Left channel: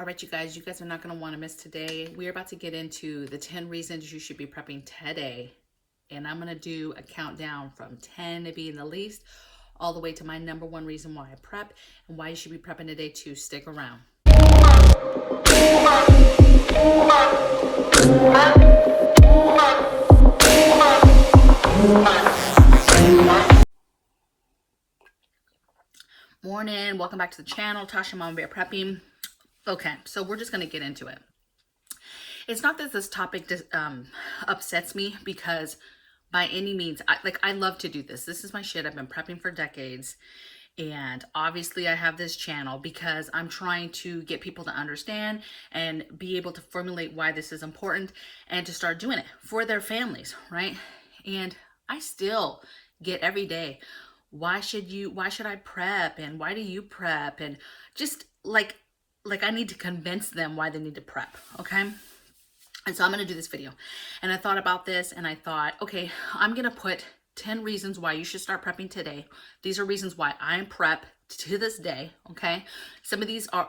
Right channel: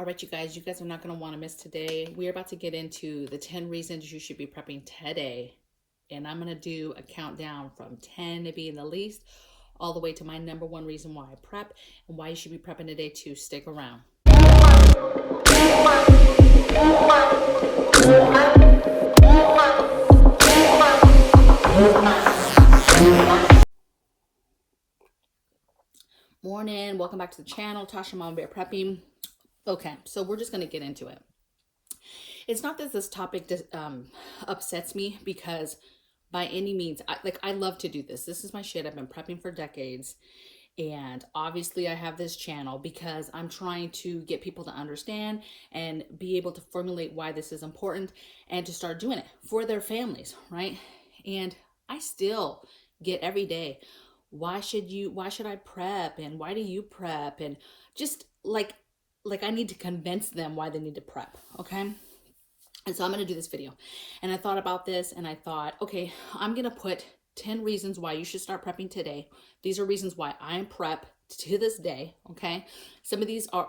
All right, you guys are not going to want to miss today. We're about to get into the 10 reasons you should be prepping today. And I'm going to do a countdown from 10 to being the least, all the way to my number one reason why I prep and why you should be prepping today too. Stick around. Morning, welcome back to the channel. Tasha, Mom Bear Prepping. Okay, so we're just going to get into it. It's not that this topic upsets me, because by any means, I love to do this. This is my shit. I've been prepping for decades. And obviously I have this channel because I'm trying to get people to understand and be able to formulate why this is important and to start doing it for their families, right? And I still get every day, why should I prep? And why do you prep? And just like I need to convince them why they need to prep, okay? And so I'm going to do this video. And I thought about this and I thought, okay, I'm going to put 10 reasons why you should start prepping today. These are reasons why I'm prep to this day, okay? Some of these are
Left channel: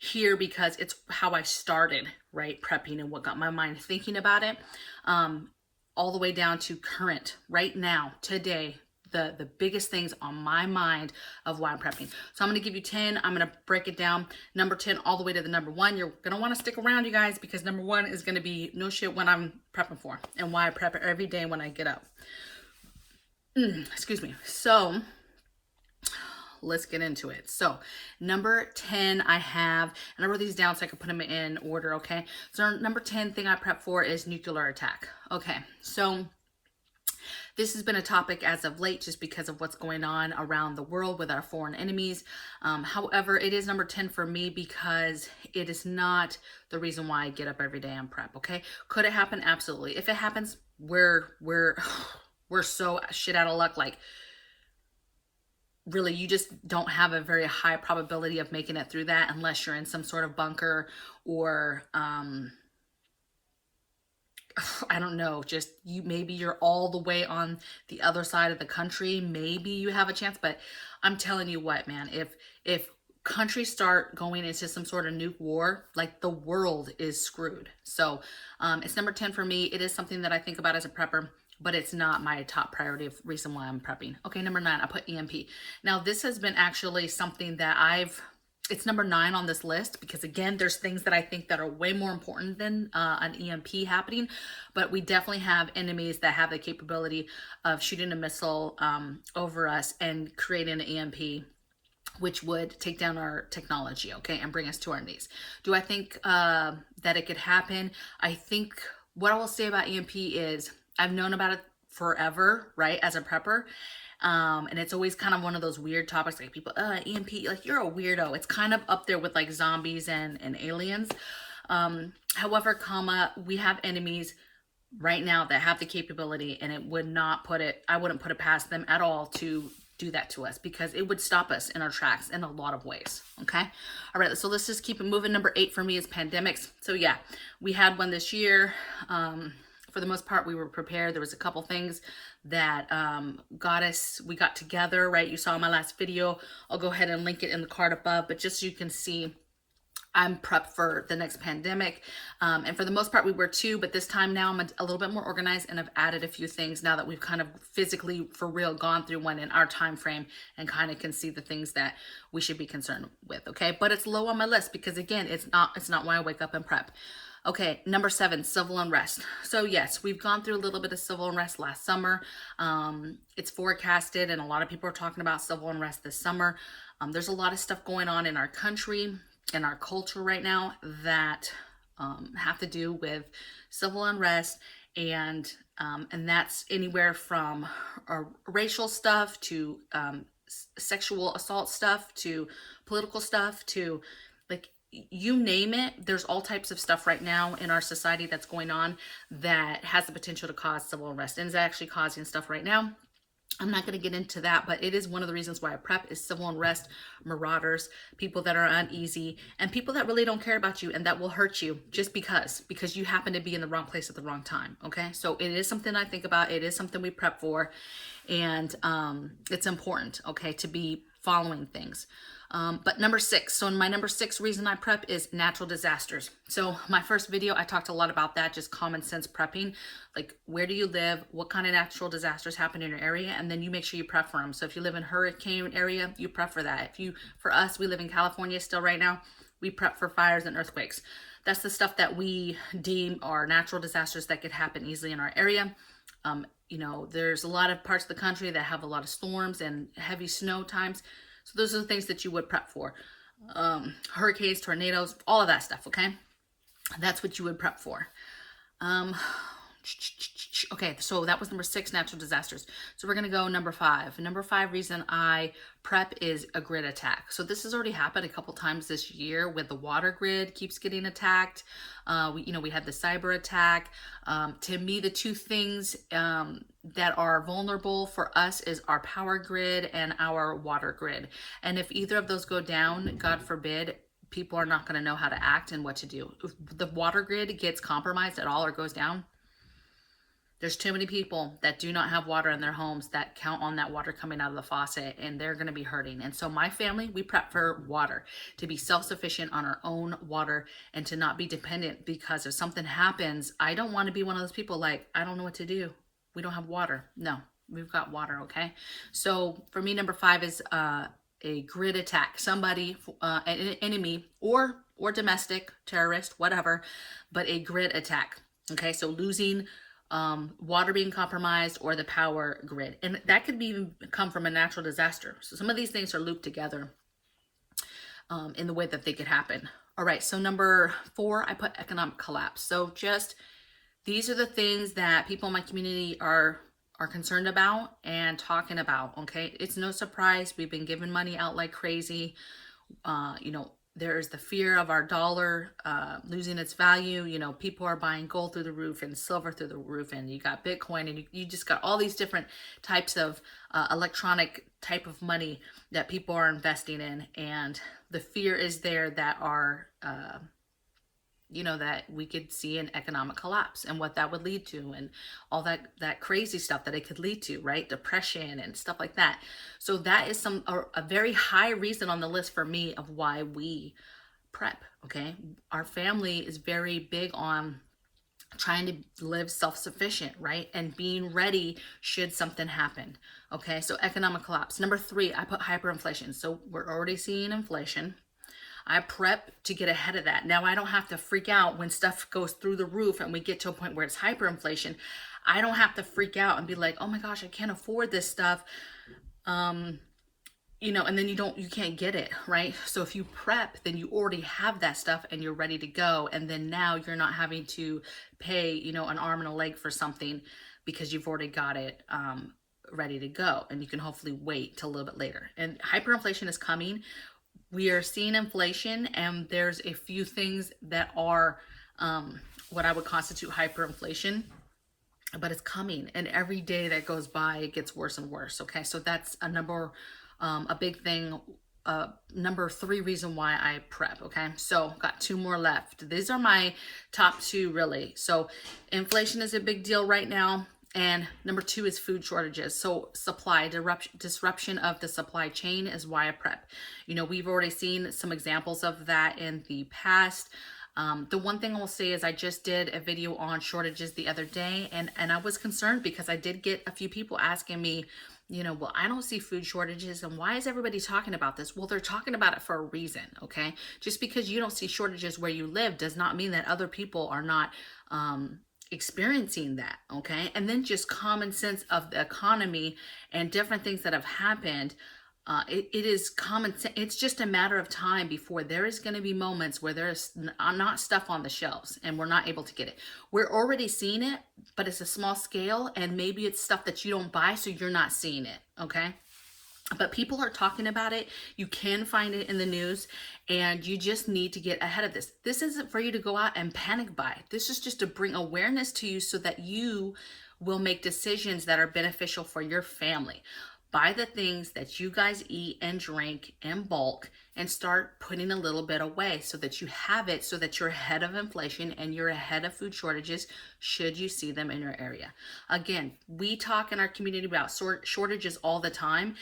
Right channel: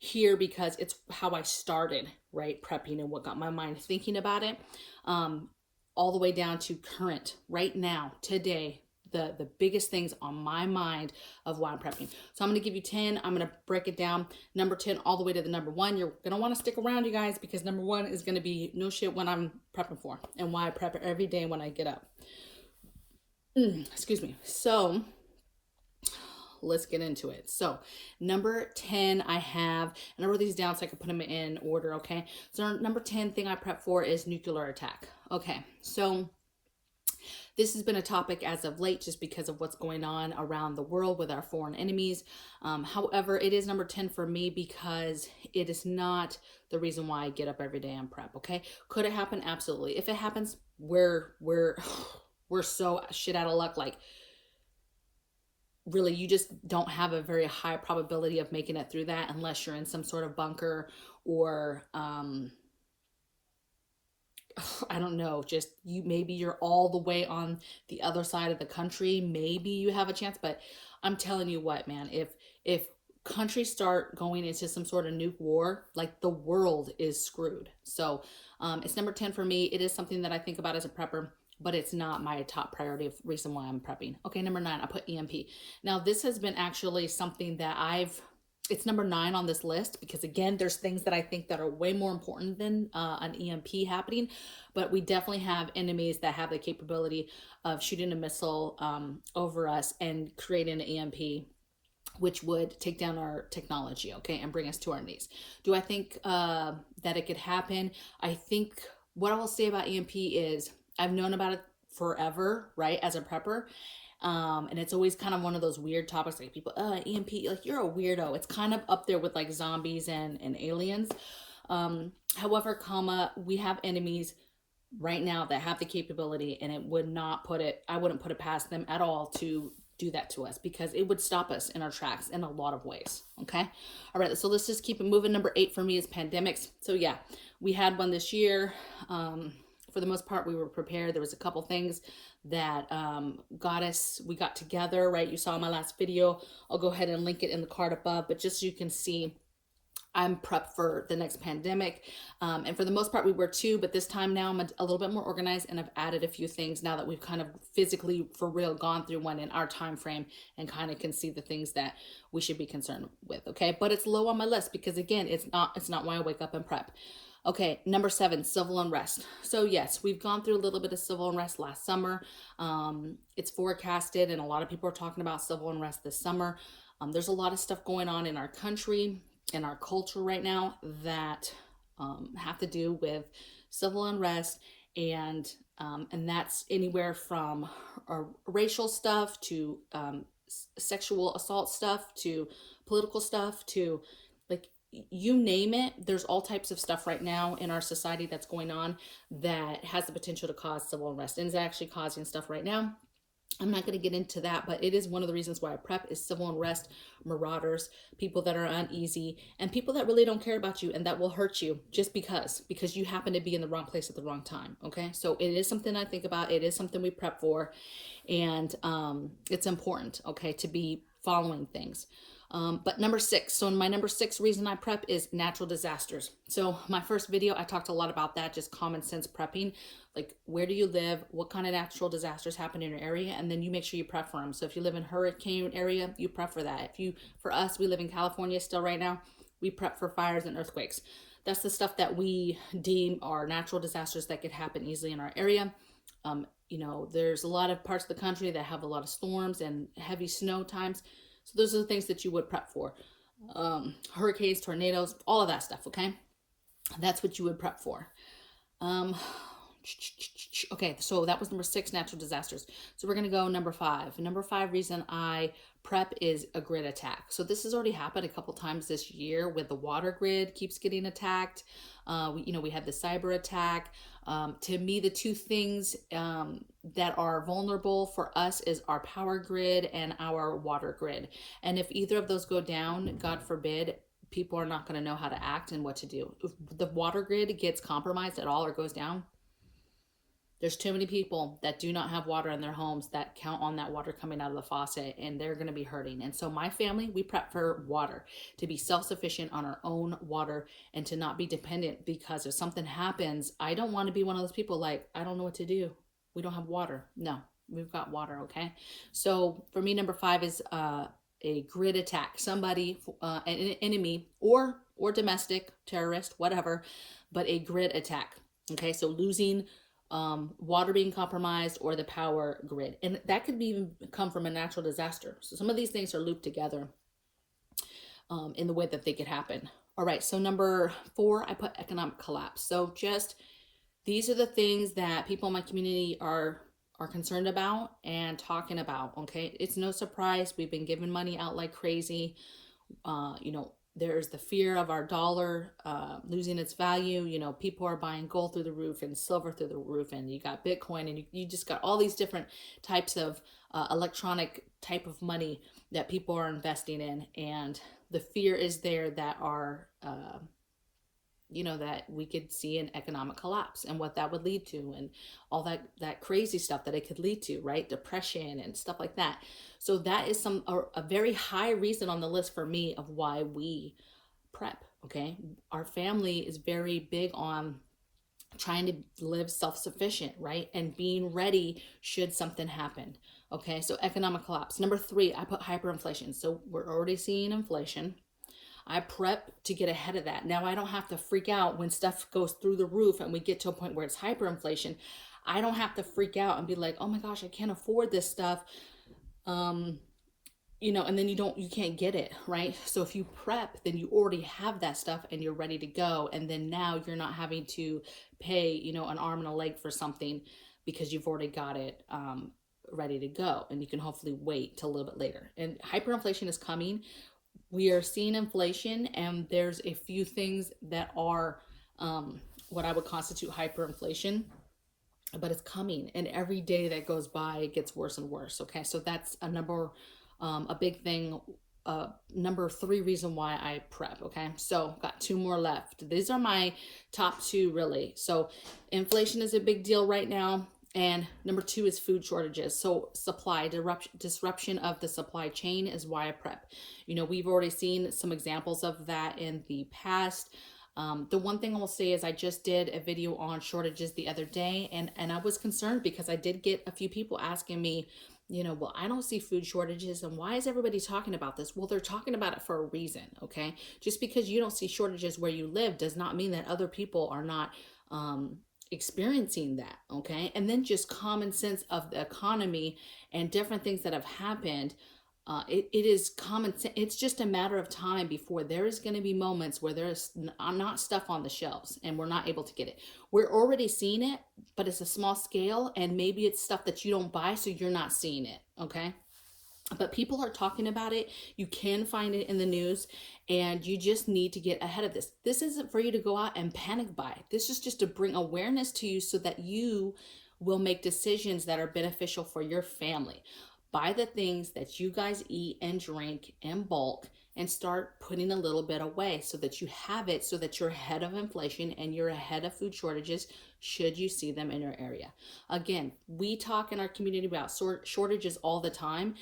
here because it's how I started, right? Prepping and what got my mind thinking about it, all the way down to current, right now, today, the biggest things on my mind of why I'm prepping. So I'm going to give you 10. I'm going to break it down. Number 10 all the way to the number 1. You're going to want to stick around, you guys, because number 1 is going to be no shit when I'm prepping for and why I prep every day when I get up. Excuse me. So let's get into it. So number 10 I have, and I wrote these down so I could put them in order, okay? So number 10 thing I prep for is nuclear attack. Okay, so this has been a topic as of late just because of what's going on around the world with our foreign enemies. However, it is number 10 for me because it is not the reason why I get up every day and prep, okay? Could it happen? Absolutely. If it happens, we're so shit out of luck. Like, really, you just don't have a very high probability of making it through that unless you're in some sort of bunker or I don't know, just maybe you're all the way on the other side of the country, maybe you have a chance. But I'm telling you what, man, if countries start going into some sort of nuke war, like, the world is screwed. So it's number 10 for me. It is something that I think about as a prepper, but it's not my top priority of reason why I'm prepping. Okay, number 9, I put EMP. Now, this has been actually something that it's number 9 on this list because, again, there's things that I think that are way more important than an EMP happening, but we definitely have enemies that have the capability of shooting a missile over us and creating an EMP, which would take down our technology, okay, and bring us to our knees. Do I think that it could happen? I think what I will say about EMP is I've known about it forever, right, as a prepper. And it's always kind of one of those weird topics, like people, EMP, like, you're a weirdo. It's kind of up there with like zombies and aliens. However, we have enemies right now that have the capability, and I wouldn't put it past them at all to do that to us, because it would stop us in our tracks in a lot of ways. Okay. All right. So let's just keep it moving. Number 8 for me is pandemics. So yeah, we had one this year. For the most part, we were prepared. There was a couple things that we got together, right? You saw my last video. I'll go ahead and link it in the card above, but just so you can see, I'm prepped for the next pandemic. And for the most part, we were too, but this time now I'm a little bit more organized, and I've added a few things now that we've kind of physically, for real, gone through one in our time frame and kind of can see the things that we should be concerned with, okay? But it's low on my list because, again, it's not why I wake up and prep. Okay, number 7, civil unrest. So yes, we've gone through a little bit of civil unrest last summer. It's forecasted, and a lot of people are talking about civil unrest this summer. There's a lot of stuff going on in our country and our culture right now that have to do with civil unrest, and that's anywhere from racial stuff to sexual assault stuff to political stuff to, like, you name it. There's all types of stuff right now in our society that's going on that has the potential to cause civil unrest, and is actually causing stuff right now. I'm not going to get into that, but it is one of the reasons why I prep is civil unrest, marauders, people that are uneasy, and people that really don't care about you and that will hurt you just because you happen to be in the wrong place at the wrong time. Okay. So it is something I think about. It is something we prep for, and it's important, okay, to be following things. But number six, so my number six reason I prep is natural disasters. So my first video, I talked a lot about that, just common sense prepping. Like, where do you live? What kind of natural disasters happen in your area? And then you make sure you prep for them. So if you live in hurricane area, you prep for that. For us, we live in California still right now. We prep for fires and earthquakes. That's the stuff that we deem are natural disasters that could happen easily in our area. There's a lot of parts of the country that have a lot of storms and heavy snow times. So those are the things that you would prep for. Hurricanes, tornadoes, all of that stuff, okay? That's what you would prep for. Okay, so that was number six, natural disasters. So we're going to go number five. Number five reason I prep is a grid attack. So this has already happened a couple times this year with the water grid keeps getting attacked. We had the cyber attack. To me, the two things that are vulnerable for us is our power grid and our water grid. And if either of those go down, God forbid, people are not going to know how to act and what to do. If the water grid gets compromised at all or goes down, there's too many people that do not have water in their homes that count on that water coming out of the faucet, and they're going to be hurting. And so my family, we prep for water, to be self-sufficient on our own water and to not be dependent, because if something happens, I don't want to be one of those people like, I don't know what to do. We don't have water. No, we've got water, okay? So for me, number five is a grid attack. Somebody, an enemy or domestic, terrorist, whatever, but a grid attack, okay? So losing water being compromised or the power grid. And that could even come from a natural disaster. So some of these things are looped together in the way that they could happen. All right, so number four, I put economic collapse. So just these are the things that people in my community are concerned about and talking about, okay? It's no surprise. We've been giving money out like crazy. There's the fear of our dollar losing its value. People are buying gold through the roof and silver through the roof, and you got Bitcoin, and you just got all these different types of electronic type of money that people are investing in. And the fear is there that that we could see an economic collapse and what that would lead to, and all that crazy stuff that it could lead to, right? Depression and stuff like that. So that is a very high reason on the list for me of why we prep, okay? Our family is very big on trying to live self-sufficient, right? And being ready should something happen, okay? So economic collapse. Number three, I put hyperinflation. So we're already seeing inflation. I prep to get ahead of that. Now I don't have to freak out when stuff goes through the roof and we get to a point where it's hyperinflation. I don't have to freak out and be like, oh my gosh, I can't afford this stuff. And then you can't get it, right? So if you prep, then you already have that stuff and you're ready to go. And then now you're not having to pay, an arm and a leg for something because you've already got it ready to go. And you can hopefully wait till a little bit later. And hyperinflation is coming. We are seeing inflation, and there's a few things that are what I would constitute hyperinflation, but it's coming, and every day that goes by, it gets worse and worse. Okay, so that's a big thing. Number three reason why I prep. Okay, so got two more left. These are my top two, really. So inflation is a big deal right now. And number two is food shortages. So supply disruption of the supply chain is why I prep. We've already seen some examples of that in the past. The one thing I will say is I just did a video on shortages the other day, and I was concerned because I did get a few people asking me, well, I don't see food shortages, and why is everybody talking about this? Well, they're talking about it for a reason, okay? Just because you don't see shortages where you live does not mean that other people are not experiencing that, okay? And then just common sense of the economy and different things that have happened. It is common sense. It's just a matter of time before there is going to be moments where there's not stuff on the shelves and we're not able to get it. We're already seeing it, but it's a small scale, and maybe it's stuff that you don't buy, so you're not seeing it, okay? But people are talking about it. You can find it in the news, and you just need to get ahead of this. This isn't for you to go out and panic buy. This is just to bring awareness to you so that you will make decisions that are beneficial for your family. Buy the things that you guys eat and drink in bulk, and start putting a little bit away so that you have it, so that you're ahead of inflation and you're ahead of food shortages should you see them in your area. Again, we talk in our community about shortages all the time.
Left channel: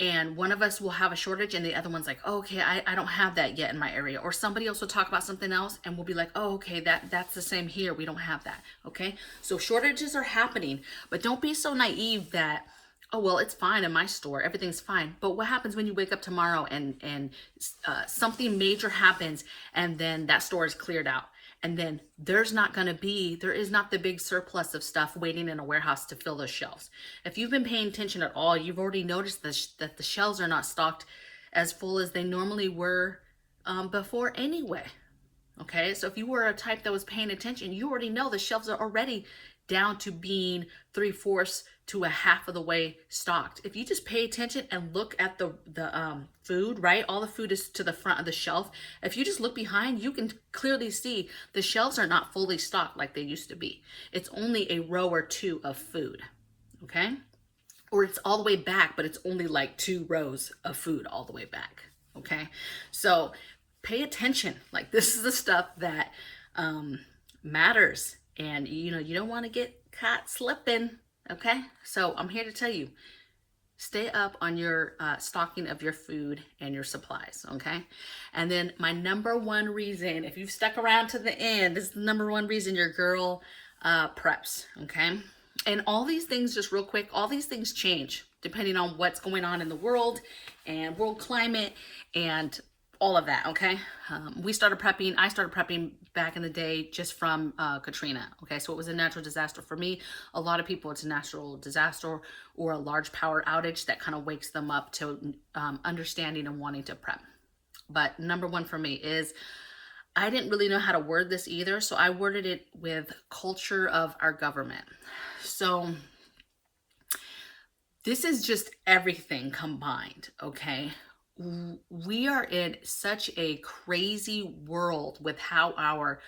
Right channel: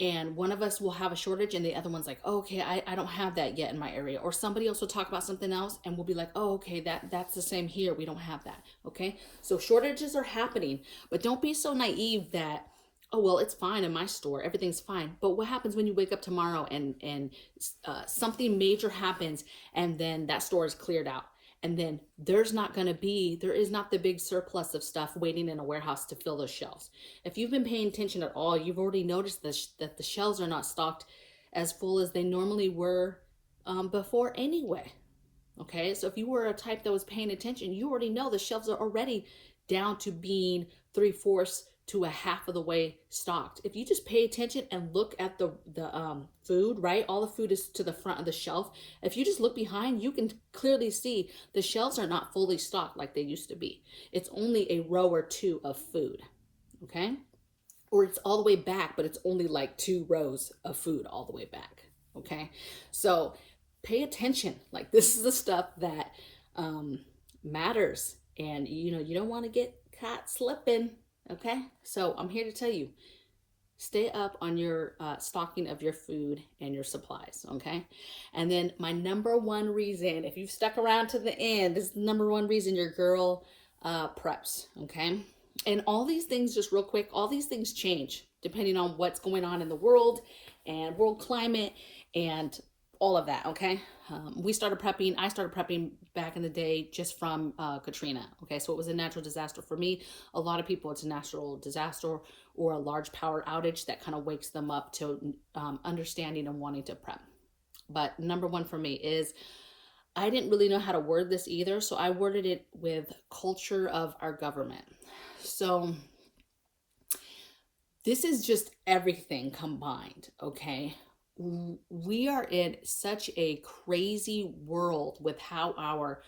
and one of us will have a shortage and the other one's like, oh, okay, I don't have that yet in my area. Or somebody else will talk about something else and we'll be like, oh, okay, that's the same here, we don't have that. Okay, so shortages are happening, but don't be so naive that, oh well, it's fine in my store, everything's fine. But what happens when you wake up tomorrow and something major happens, and then that store is cleared out, and then there is not the big surplus of stuff waiting in a warehouse to fill those shelves. If you've been paying attention at all, you've already noticed that the shelves are not stocked as full as they normally were before anyway. Okay, so if you were a type that was paying attention, you already know the shelves are already down to being 3/4 to a half of the way stocked. If you just pay attention and look at the food, right? All the food is to the front of the shelf. If you just look behind, you can clearly see the shelves are not fully stocked like they used to be. It's only a row or two of food, okay? Or it's all the way back, but it's only like 2 rows of food all the way back, okay? So pay attention. Like, this is the stuff that matters, and you know, you don't want to get caught slipping. Okay, so I'm here to tell you, stay up on your stocking of your food and your supplies. Okay, and then my number one reason, if you've stuck around to the end, this is the number one reason your girl preps. Okay, and all these things, just real quick, all these things change depending on what's going on in the world and world climate and all of that. Okay, I started prepping back in the day just from Katrina. Okay, so it was a natural disaster for me. A lot of people, it's a natural disaster or a large power outage that kind of wakes them up to understanding and wanting to prep. But number one for me is, I didn't really know how to word this either, so I worded it with culture of our government. So this is just everything combined. Okay, we are in such a crazy world with how our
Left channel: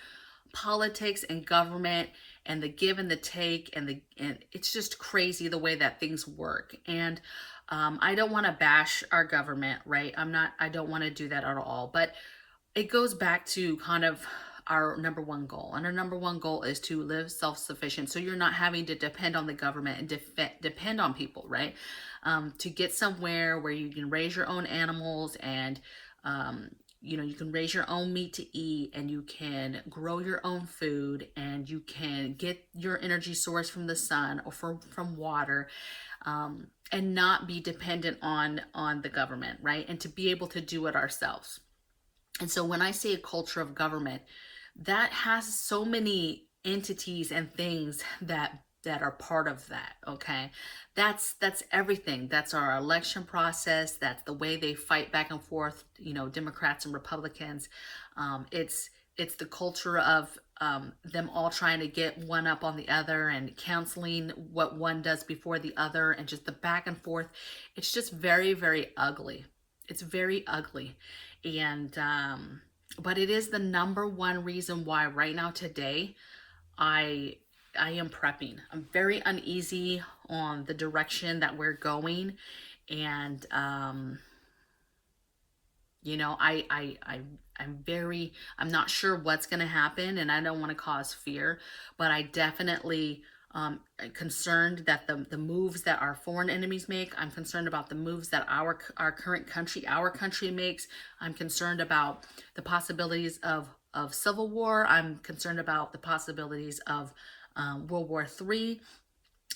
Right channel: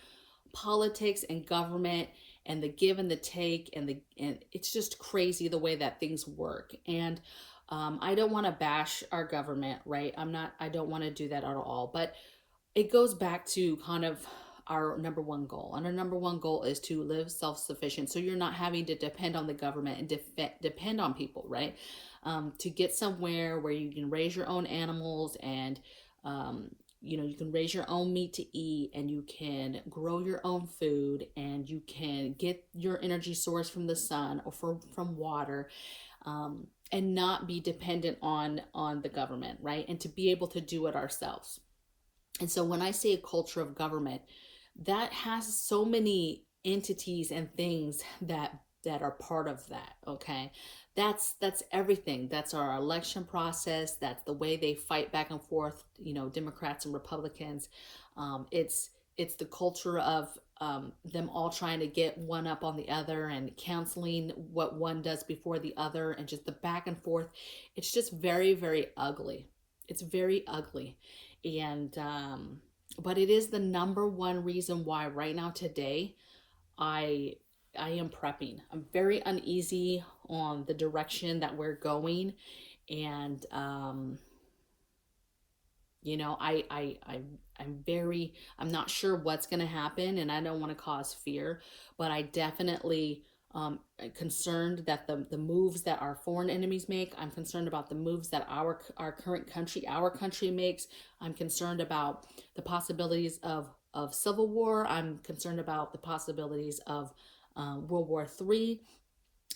politics and government and the give and the take and it's just crazy the way that things work. And I don't want to bash our government, right? I don't want to do that at all, but it goes back to kind of our number one goal. And our number one goal is to live self-sufficient. So you're not having to depend on the government and depend on people, right? To get somewhere where you can raise your own animals and, you know, you can raise your own meat to eat, and you can grow your own food, and you can get your energy source from the sun or from water, and not be dependent on the government, right? And to be able to do it ourselves. And so when I say a culture of government, that has so many entities and things that are part of that. Okay, that's everything. That's our election process. That's the way they fight back and forth, you know, Democrats and Republicans. It's the culture of them all trying to get one up on the other and canceling what one does before the other, and just the back and forth. It's just very, very ugly. It's very ugly. And but it is the number one reason why right now today I am prepping. I'm very uneasy on the direction that we're going, and you know, I'm not sure what's going to happen, and I don't want to cause fear, but I definitely concerned that the moves that our foreign enemies make. I'm concerned about the moves that our current country, our country makes. I'm concerned about the possibilities of civil war. I'm concerned about the possibilities of World War III.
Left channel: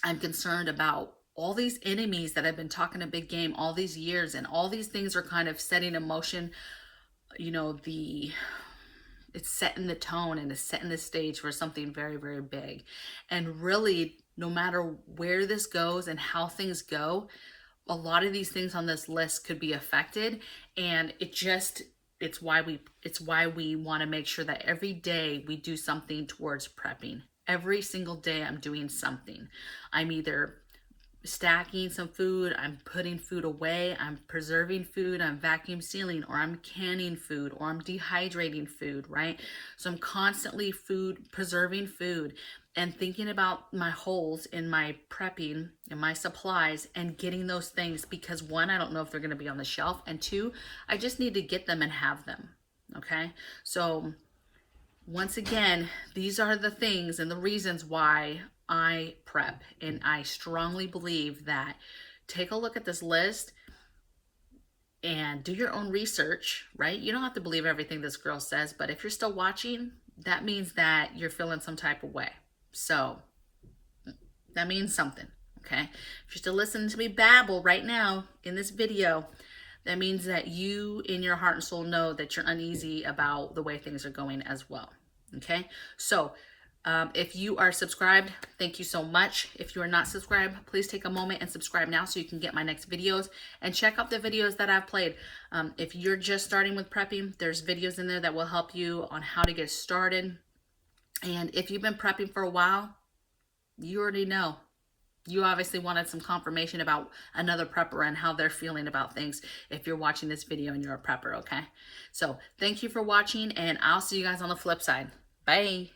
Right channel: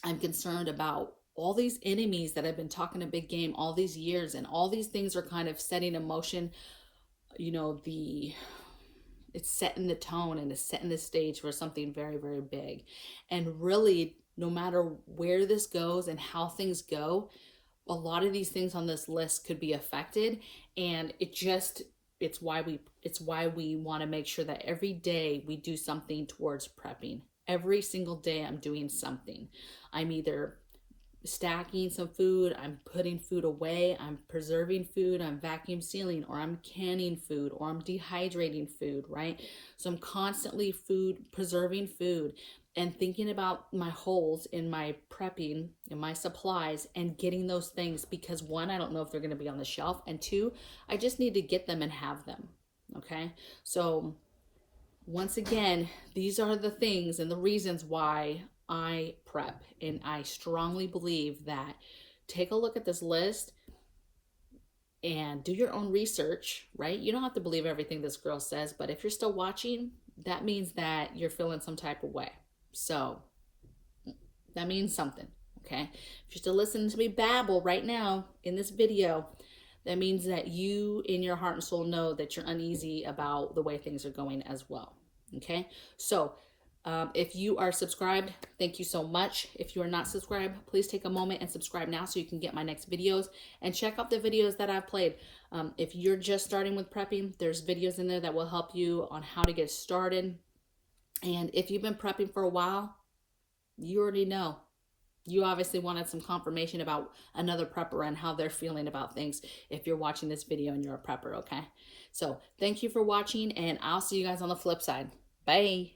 I'm concerned about all these enemies that have been talking a big game all these years, and all these things are kind of setting in motion, you know, it's setting the tone and it's setting the stage for something very, very big. And really, no matter where this goes and how things go, a lot of these things on this list could be affected. And it's why we want to make sure that every day we do something towards prepping. Every single day I'm doing something. I'm either stacking some food, I'm putting food away, I'm preserving food, I'm vacuum sealing, or I'm canning food, or I'm dehydrating food, right? So I'm constantly preserving food and thinking about my holes in my prepping and my supplies and getting those things, because one, I don't know if they're going to be on the shelf, and two, I just need to get them and have them. Okay, so once again, these are the things and the reasons why I prep. And I strongly believe that, take a look at this list and do your own research, right? You don't have to believe everything this girl says, but if you're still watching, that means that you're feeling some type of way. So that means something, okay? If you're still listening to me babble right now in this video, that means that you in your heart and soul know that you're uneasy about the way things are going as well, okay? So if you are subscribed, thank you so much. If you are not subscribed, please take a moment and subscribe now so you can get my next videos, and check out the videos that I've played. If you're just starting with prepping, there's videos in there that will help you on how to get started. And if you've been prepping for a while, you already know. You obviously wanted some confirmation about another prepper and how they're feeling about things if you're watching this video and you're a prepper, okay? So thank you for watching, and I'll see you guys on the flip side. Bye.